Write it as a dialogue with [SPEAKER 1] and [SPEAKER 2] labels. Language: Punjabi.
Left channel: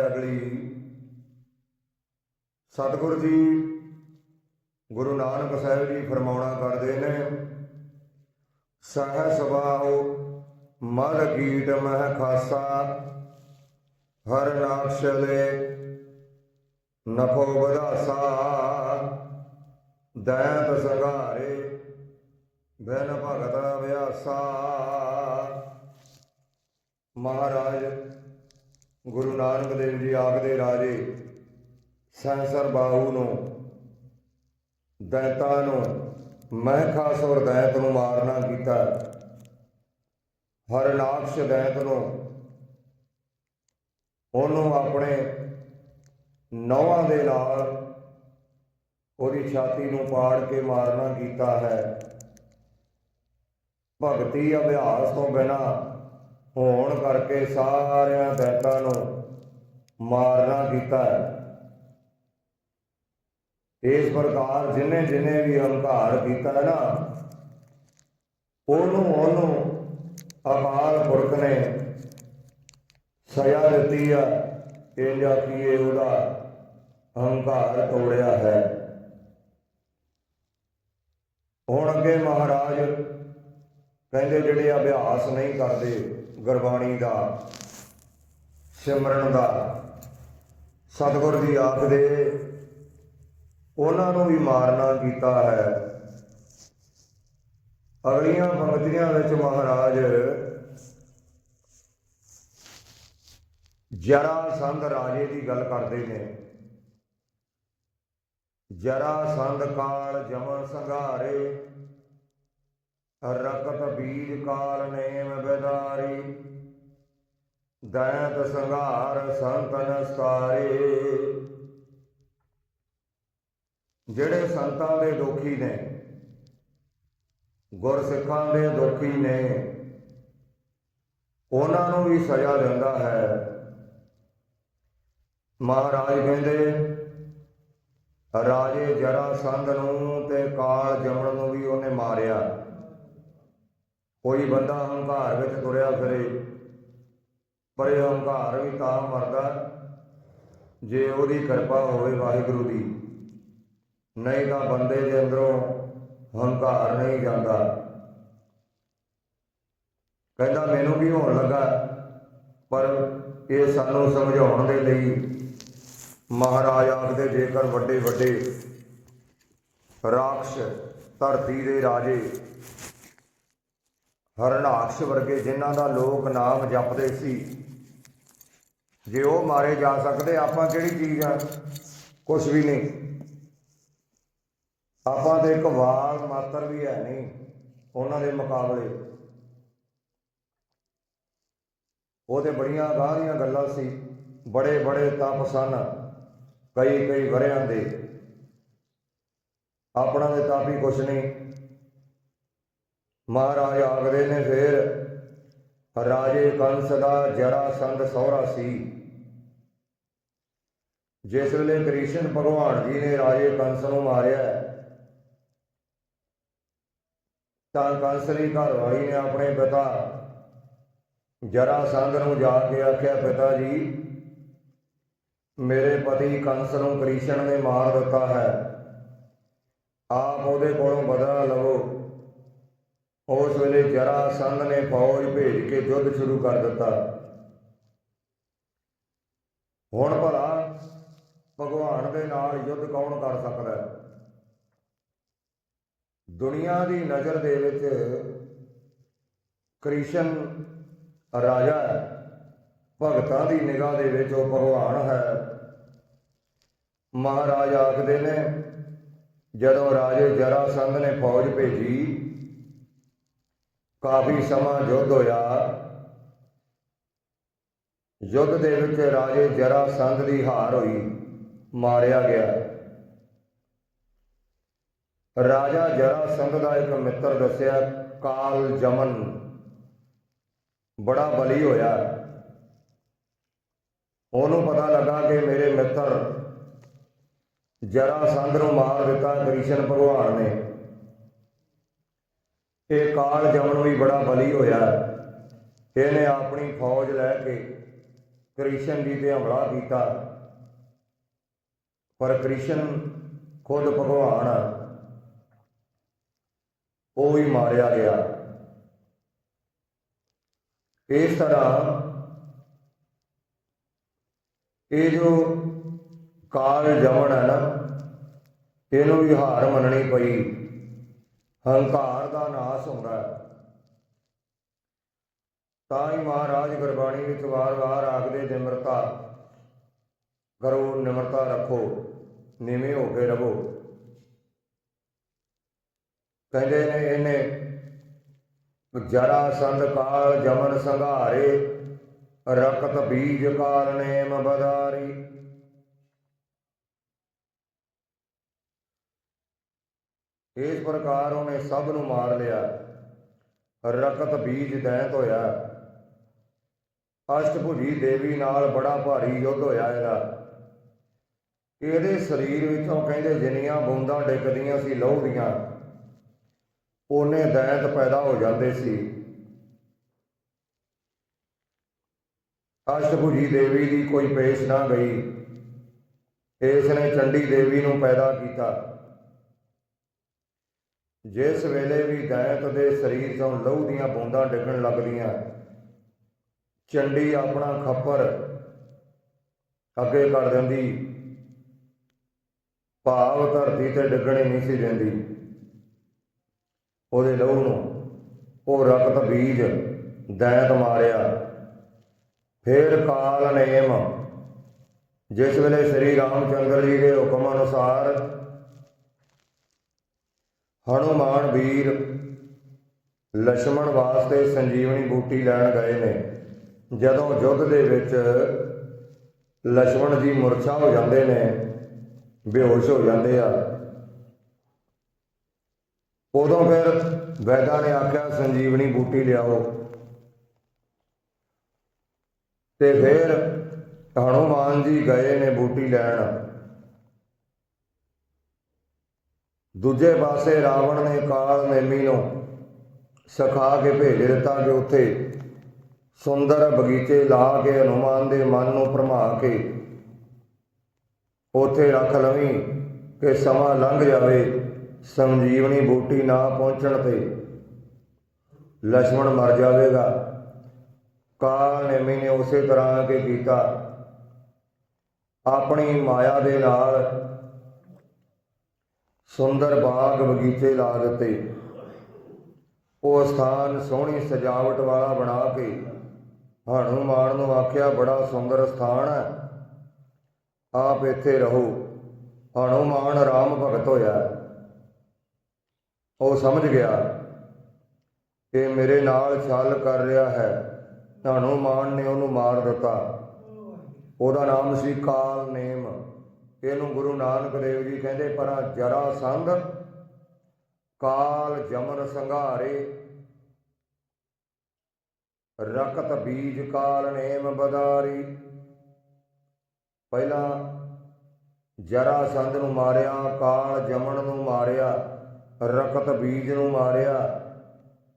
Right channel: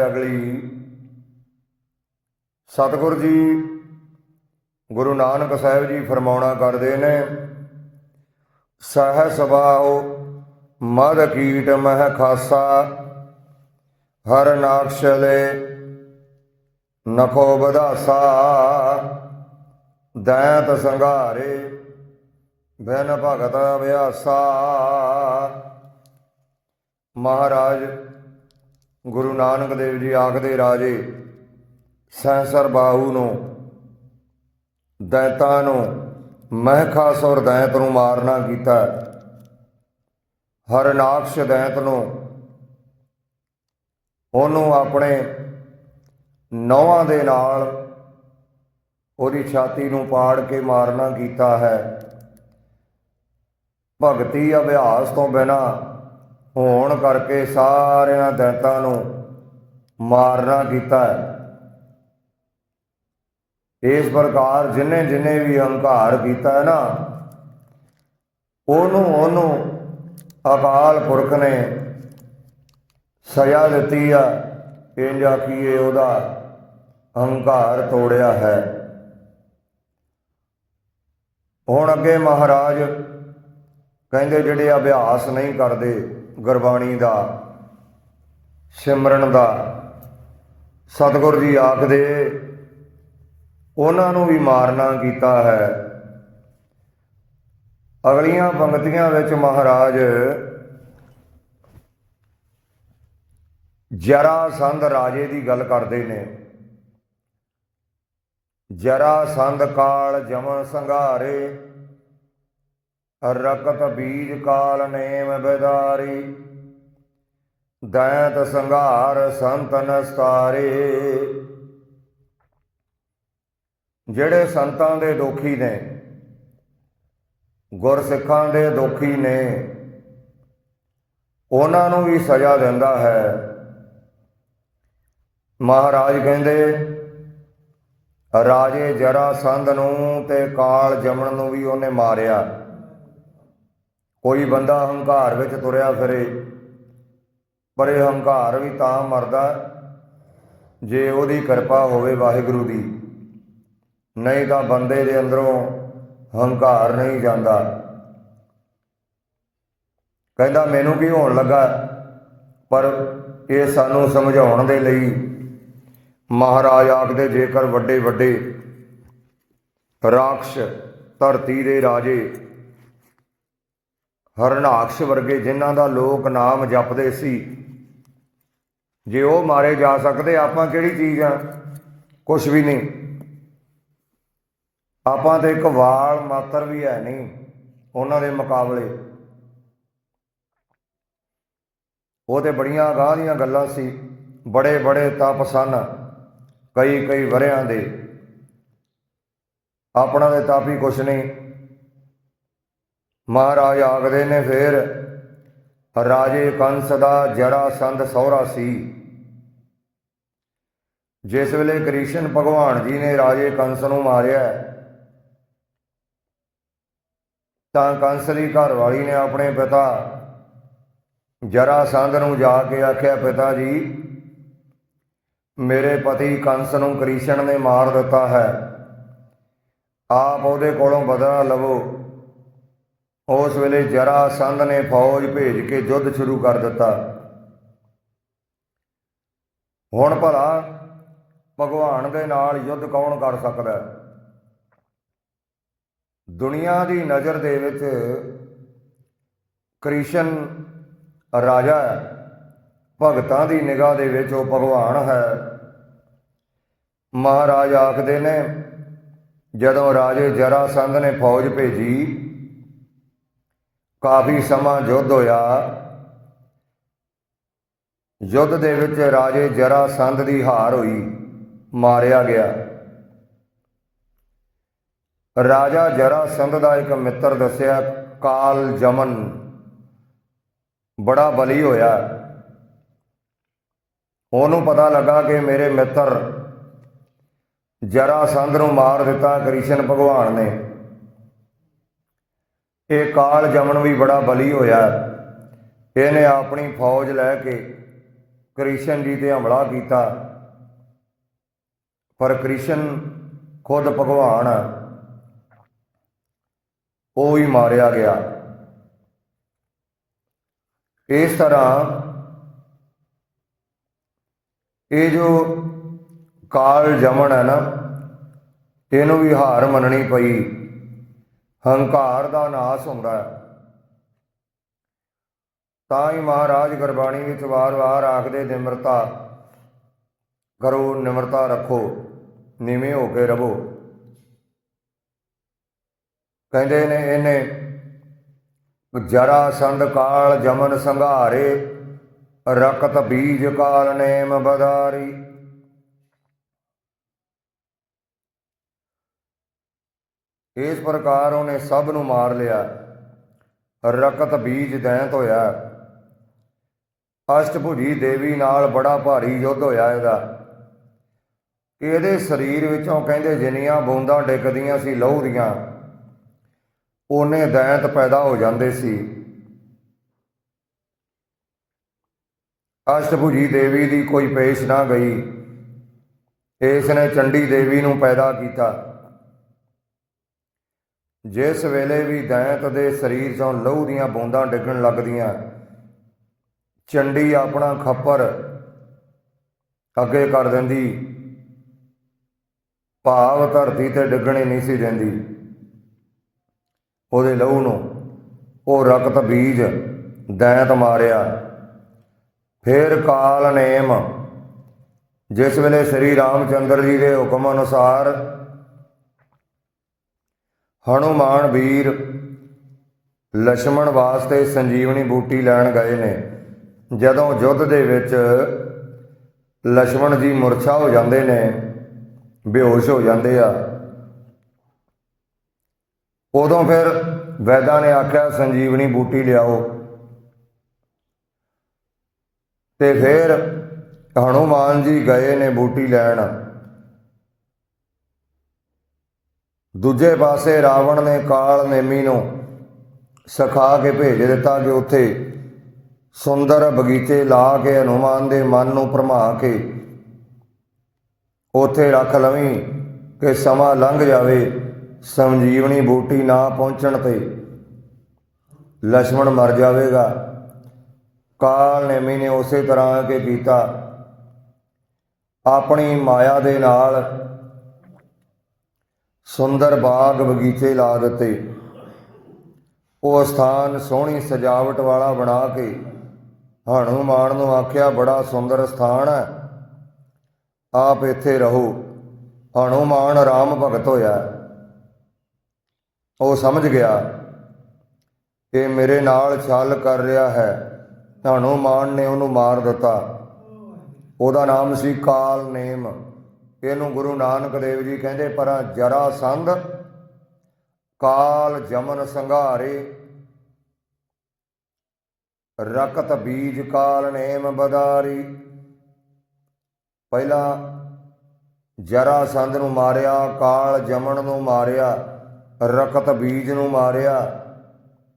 [SPEAKER 1] ਅਗਲੀ ਸਤਿਗੁਰ ਜੀ, ਗੁਰੂ ਨਾਨਕ ਸਾਹਿਬ ਜੀ ਫਰਮਾਉਣਾ ਕਰਦੇ ਨੇ ਸਹਿ ਸਬਾਉ ਮਦ ਕੀਟ ਮਹਿ ਖਾਸਾ, ਹਰ ਨਾਕਸ਼ਲੇ ਨਖੋ ਬਧਾਸਾ ਦੈਤ ਸੰਘਾਰੇ ਬਿਨ ਭਗਤ ਅਭਿਆਸਾ। ਮਹਾਰਾਜ ਗੁਰੂ ਨਾਨਕ ਦੇਵ ਜੀ ਆਖਦੇ ਰਾਜੇ ਸਹਸਰ ਬਾਹੂ ਨੂੰ, ਦੈਤਾਂ ਨੂੰ ਮਹਿਖਾਸ ਔਰ ਦੈਤ ਨੂੰ ਮਾਰਨਾ ਕੀਤਾ। ਹਰਨਾਕਸ਼ ਦੈਤ ਨੂੰ, ਉਹਨੂੰ ਆਪਣੇ ਨੌਵਾਂ ਦੇ ਨਾਲ ਉਹਦੀ ਛਾਤੀ ਨੂੰ ਪਾੜ ਕੇ ਮਾਰਨਾ ਕੀਤਾ ਹੈ। ਭਗਤੀ ਅਭਿਆਸ ਤੋਂ ਬਿਨਾ ਹੋਣ ਕਰਕੇ ਸਾਰਿਆਂ ਦੈਤਾਂ ਨੂੰ ਮਾਰਨਾ ਕੀਤਾ ਹੈ। ਇਸ ਪ੍ਰਕਾਰ ਜਿਨੇ ਜਿਨੇ ਵੀ ਹੰਕਾਰ ਕੀਤਾ ਹੈ ਨਾ, ਉਹਨੂੰ ਉਹਨੂੰ ਅਕਾਲ ਪੁਰਖ ਨੇ ਸਜ਼ਾ ਦਿੱਤੀ ਆ। ਇਹ ਇੰਜ ਆਖੀਏ ਉਹਦਾ ਹੰਕਾਰ ਤੋੜਿਆ ਹੈ। ਹੁਣ ਅੱਗੇ ਮਹਾਰਾਜ ਕਹਿੰਦੇ ਜਿਹੜੇ ਅਭਿਆਸ ਨਹੀਂ ਕਰਦੇ ਗੁਰਬਾਣੀ ਦਾ, ਸਿਮਰਨ ਦਾ, ਸਤਿਗੁਰ ਜੀ ਆਖਦੇ, ਉਹਨਾਂ ਨੂੰ ਵੀ ਮਾਰਨਾ ਕੀਤਾ ਹੈ। ਅਗਲੀਆਂ ਪੰਕਤੀਆਂ ਵਿੱਚ ਮਹਾਰਾਜ ਜਰਾ ਸੰਧ ਰਾਜੇ ਦੀ ਗੱਲ ਕਰਦੇ ਨੇ। ਜਰਾ ਸੰਧ ਕਾਲ ਜਮਨ ਸੰਘਾਰੇ ਰਕਤ ਬੀਜ ਕਾਲ ਨੇਮ ਬਿਦਾਰੀ। ਦੈਤ ਸੰਘਾਰ ਸੰਤ ਨਸਤਾਰੇ। ਜਿਹੜੇ ਸੰਤਾਂ ਦੇ ਦੁਖੀ ਨੇ, ਗੁਰਸਿੱਖਾਂ ਦੇ ਦੁਖੀ ਨੇ, ਉਹਨਾਂ ਨੂੰ ਵੀ ਸਜ਼ਾ ਦਿੰਦਾ ਹੈ। ਮਹਾਰਾਜ ਕਹਿੰਦੇ, ਰਾਜੇ ਜਰਾ ਸੰਧ ਨੂੰ ਤੇ ਕਾਲ ਜਮਣ ਨੂੰ ਵੀ ਉਹਨੇ ਮਾਰਿਆ। ਕੋਈ ਬੰਦਾ ਹੰਕਾਰ ਵਿੱਚ ਤੁਰਿਆ ਫਿਰੇ, ਪਰ ਇਹ ਹੰਕਾਰ ਵੀ ਤਾਂ ਮਰਦਾ ਜੇ ਉਹਦੀ ਕਿਰਪਾ ਹੋਵੇ ਵਾਹਿਗੁਰੂ ਦੀ। ਨਹੀਂ ਤਾਂ ਬੰਦੇ ਦੇ ਅੰਦਰੋਂ ਹੰਕਾਰ ਨਹੀਂ ਜਾਂਦਾ। ਕਹਿੰਦਾ, ਮੈਨੂੰ ਵੀ ਹੋਣ ਲੱਗਾ? ਪਰ ਇਹ ਸਾਨੂੰ ਸਮਝਾਉਣ ਦੇ ਲਈ ਮਹਾਰਾਜ ਆਖਦੇ, ਜੇਕਰ ਵੱਡੇ ਵੱਡੇ ਰਾਖਸ਼ ਧਰਤੀ ਦੇ ਰਾਜੇ ਹਰਨਾਕਸ਼ ਵਰਗੇ ਜਿਨ੍ਹਾਂ ਦਾ ਲੋਕ ਨਾਮ ਜਪਦੇ ਸੀ। ਜੇ ਉਹ ਮਾਰੇ ਜਾ ਸਕਦੇ, ਆਪਾਂ ਕਿਹੜੀ ਚੀਜ਼ ਆ? ਕੁਝ ਵੀ ਨਹੀਂ। ਆਪਾਂ ਤੇ ਇੱਕ ਵਾਲ ਮਾਤਰ ਵੀ ਹੈ ਨਹੀਂ, ਉਹਨਾਂ ਦੇ ਮੁਕਾਬਲੇ। ਉਹ ਤੇ ਬੜੀਆਂ ਅਗਾਂਹ ਦੀਆਂ ਗੱਲਾਂ ਸੀ। ਬੜੇ ਬੜੇ ਤਪ ਸਨ ਕਈ ਕਈ ਵਰਿਆਂ ਦੇ। ਆਪਣਾ ਦੇ ਤਪ ਹੀ ਕੁਛ ਨਹੀਂ। ਮਹਾਰਾਜ ਆਖਦੇ ਨੇ ਫਿਰ, ਰਾਜੇ ਕੰਸ ਦਾ ਜਰਾ ਸੰਦ ਸਹੁਰਾ ਸੀ। ਜਿਸ ਵੇਲੇ ਕ੍ਰਿਸ਼ਨ ਭਗਵਾਨ ਜੀ ਨੇ ਰਾਜੇ ਕੰਸ ਨੂੰ ਮਾਰਿਆ, ਤਾਂ ਕੰਸ ਦੀ ਘਰ ਵਾਲੀ ਨੇ ਆਪਣੇ ਪਿਤਾ ਜਰਾ ਸੰਦ ਨੂੰ ਜਾ ਕੇ ਆਖਿਆ, ਪਿਤਾ ਜੀ, ਮੇਰੇ ਪਤੀ ਕੰਸ ਨੂੰ ਕ੍ਰਿਸ਼ਨ ਨੇ ਮਾਰ ਦਿੱਤਾ ਹੈ। ਆਪ ਉਹਦੇ ਕੋਲੋਂ ਬਦਲਾ ਲਵੋ। ਉਸ ਵੇਲੇ ਜਰਾ ਸੰਧ ਨੇ ਫੌਜ ਭੇਜ ਕੇ ਯੁੱਧ ਸ਼ੁਰੂ ਕਰ ਦਿੱਤਾ। ਹੁਣ ਭਲਾ ਭਗਵਾਨ ਦੇ ਨਾਲ ਯੁੱਧ ਕੌਣ ਕਰ ਸਕਦਾ ਹੈ? ਦੁਨੀਆ ਦੀ ਨਜ਼ਰ ਦੇ ਵਿੱਚ ਕ੍ਰਿਸ਼ਨ ਰਾਜਾ ਹੈ। ਭਗਤਾਂ ਦੀ ਨਿਗਾਹ ਦੇ ਵਿੱਚ ਉਹ ਭਗਵਾਨ ਹੈ। ਮਹਾਰਾਜ ਆਖਦੇ ਨੇ, ਜਦੋਂ ਰਾਜੇ ਜਰਾ ਸੰਧ ਨੇ ਫੌਜ ਭੇਜੀ ਕਾਫੀ ਸਮਾਂ ਯੁੱਧ ਹੋਇਆ। ਯੁੱਧ ਦੇ ਵਿੱਚ ਰਾਜੇ ਜਰਾ ਸੰਧ ਦੀ ਹਾਰ ਹੋਈ, ਮਾਰਿਆ ਗਿਆ। ਰਾਜਾ ਜਰਾ ਸੰਧ ਦਾ ਇੱਕ ਮਿੱਤਰ ਦੱਸਿਆ, ਕਾਲ ਜਮਨ, ਬੜਾ ਬਲੀ ਹੋਇਆ। ਉਹਨੂੰ ਪਤਾ ਲੱਗਾ ਕਿ ਮੇਰੇ ਮਿੱਤਰ ਜਰਾ ਸੰਧ ਨੂੰ ਮਾਰ ਦਿੱਤਾ ਕ੍ਰਿਸ਼ਨ ਭਗਵਾਨ ਨੇ। ਇਹ ਕਾਲ ਜਮਨ ਵੀ ਬੜਾ ਬਲੀ ਹੋਇਆ। ਇਹਨੇ ਆਪਣੀ ਫੌਜ ਲੈ ਕੇ ਕ੍ਰਿਸ਼ਨ ਜੀ ਤੇ ਹਮਲਾ ਕੀਤਾ। ਪਰ ਕ੍ਰਿਸ਼ਨ ਖੁਦ ਭਗਵਾਨ ਉਹ ਹੀ ਮਾਰਿਆ ਗਿਆ। ਇਸ ਤਰ੍ਹਾਂ ਇਹ ਜੋ ਕਾਲ ਜਮਨ ਹੈ ਨਾ, ਇਹਨੂੰ ਵੀ ਹਾਰ ਮੰਨਣੀ ਪਈ। ਹੰਕਾਰ ਦਾ ਨਾਸ ਹੁੰਦਾ ਹੈ। ਤਾਂ ਹੀ ਮਹਾਰਾਜ ਗੁਰਬਾਣੀ ਵਿੱਚ ਵਾਰ-ਵਾਰ ਆਖਦੇ, ਨਿਮਰਤਾ ਕਰੋ, ਨਿਮਰਤਾ ਰੱਖੋ, ਨੀਵੇਂ ਹੋ ਕੇ ਰਹੋ। ਕਹਿੰਦੇ ਨੇ ਇਹਨੇ, ਜਰਾ ਸੰਦ ਕਾਲ ਜਮਨ ਸੰਘਾਰੇ, ਰਕਤ ਬੀਜ ਕਾਲ ਨੇਮ ਬਦਾਰੀ ਇਸ ਪ੍ਰਕਾਰ ਉਹਨੇ ਸਭ ਨੂੰ ਮਾਰ ਲਿਆ। ਰਕਤ ਬੀਜ ਦੈਂਤ ਹੋਇਆ। ਅਸ਼ਟਭੁਜੀ ਦੇਵੀ ਨਾਲ ਬੜਾ ਭਾਰੀ ਯੁੱਧ ਹੋਇਆ ਇਹਦਾ। ਇਹਦੇ ਸਰੀਰ ਵਿੱਚੋਂ ਕਹਿੰਦੇ ਜਿੰਨੀਆਂ ਬੂੰਦਾਂ ਡਿੱਗਦੀਆਂ ਸੀ, ਲਹੂ ਦੀਆਂ, ਉਹਨੇ ਦੈਂਤ ਪੈਦਾ ਹੋ ਜਾਂਦੇ ਸੀ। ਅਸ਼ਟਭੁਜੀ ਦੇਵੀ ਦੀ ਕੋਈ ਪੇਸ਼ ਨਾ ਗਈ। ਇਸ ਨੇ ਚੰਡੀ ਦੇਵੀ ਨੂੰ ਪੈਦਾ ਕੀਤਾ। ਜਿਸ ਵੇਲੇ ਵੀ ਦੈਂਤ ਦੇ ਸਰੀਰ ਚੋਂ ਲਹੂ ਦੀਆਂ ਬੂੰਦਾਂ ਡਿੱਗਣ ਲੱਗਦੀਆਂ, ਚੰਡੀ ਆਪਣਾ ਖੱਪਰ ਅੱਗੇ ਕਰ ਦਿੰਦੀ। ਭਾਵ ਧਰਤੀ ਤੇ ਡਿੱਗਣੀ ਨਹੀਂ ਸੀ ਦਿੰਦੀ। ਉਹਦੇ ਲਹੂ ਨੂੰ ਉਹ ਰਕਤ ਬੀਜ ਦੈਂਤ ਮਾਰਿਆ। ਫਿਰ ਕਾਲ ਨੇਮ, ਜਿਸ ਵੇਲੇ ਸ੍ਰੀ ਰਾਮਚੰਦਰ ਜੀ ਦੇ ਹੁਕਮ ਅਨੁਸਾਰ ਹਨੂਮਾਨ ਵੀਰ ਲక్ష్మణ ਵਾਸਤੇ ਸੰਜੀਵਨੀ ਬੂਟੀ ਲੈਣ ਗਏ ਨੇ। ਜਦੋਂ ਯੁੱਧ ਦੇ ਵਿੱਚ ਲక్ష్మణ ਜੀ ਮੁਰਛਾ ਹੋ ਜਾਂਦੇ ਨੇ, ਬੇਹੋਸ਼ ਹੋ ਜਾਂਦੇ ਆ। ਉਦੋਂ ਫਿਰ ਵੈਦਾਂ ਨੇ ਆਖਿਆ, ਸੰਜੀਵਨੀ ਬੂਟੀ ਲਿਆਓ। ਤੇ ਫਿਰ ਹਨੂਮਾਨ ਜੀ ਗਏ ਨੇ ਬੂਟੀ ਲੈਣ। ਦੂਜੇ ਪਾਸੇ ਰਾਵਣ ਨੇ ਕਾਲ ਨੇਮੀ ਨੂੰ ਸਖਾ ਕੇ ਭੇਜ ਦਿੱਤਾ ਕਿ ਉੱਥੇ ਸੁੰਦਰ ਬਗੀਚੇ ਲਾ ਕੇ ਹਨੂਮਾਨ ਦੇ ਮਨ ਨੂੰ ਭਰਮਾ ਕੇ ਉੱਥੇ ਰੱਖ ਲਵੀਂ ਕਿ ਸਮਾਂ ਲੰਘ ਜਾਵੇ, ਸੰਜੀਵਨੀ ਬੂਟੀ ਨਾ ਪਹੁੰਚਣ ਤੇ ਲక్ష్మణ ਮਰ ਜਾਵੇਗਾ। ਕਾਲ ਨੇਮੀ ਨੇ ਉਸੇ ਤਰ੍ਹਾਂ ਕੇ ਕੀਤਾ। ਆਪਣੀ ਮਾਇਆ ਦੇ ਨਾਲ ਸੁੰਦਰ ਬਾਗ ਬਗੀਚੇ ਲਾ ਦਿੱਤੇ। ਉਹ ਸਥਾਨ ਸੋਹਣੀ ਸਜਾਵਟ ਵਾਲਾ ਬਣਾ ਕੇ ਹਨੂਮਾਨ ਨੂੰ ਆਖਿਆ, ਬੜਾ ਸੁੰਦਰ ਸਥਾਨ ਹੈ। ਆਪ ਇੱਥੇ ਰਹੋ। ਹਨੂਮਾਨ ਰਾਮ ਭਗਤ ਹੋਇਆ ਉਹ ਸਮਝ ਗਿਆ, ਇਹ ਮੇਰੇ ਨਾਲ ਛਲ ਕਰ ਰਿਹਾ ਹੈ। ਹਨੂਮਾਨ ਨੇ ਉਹਨੂੰ ਮਾਰ ਦਿੱਤਾ। ਉਹਦਾ ਨਾਮ ਸੀ ਕਾਲ ਨੇਮ। ਇਹਨੂੰ ਗੁਰੂ ਨਾਨਕ ਦੇਵ ਜੀ ਕਹਿੰਦੇ, ਪਰ ਜਰਾ ਸੰਧ ਕਾਲ ਜਮਨ ਸੰਘਾਰੇ, ਰਕਤ ਬੀਜ ਕਾਲ ਨੇਮ ਬਦਾਰੀ। ਪਹਿਲਾ ਜਰਾ ਸੰਧ ਨੂੰ ਮਾਰਿਆ, ਕਾਲ ਜਮਨ ਨੂੰ ਮਾਰਿਆ, ਰਕਤ ਬੀਜ ਨੂੰ ਮਾਰਿਆ।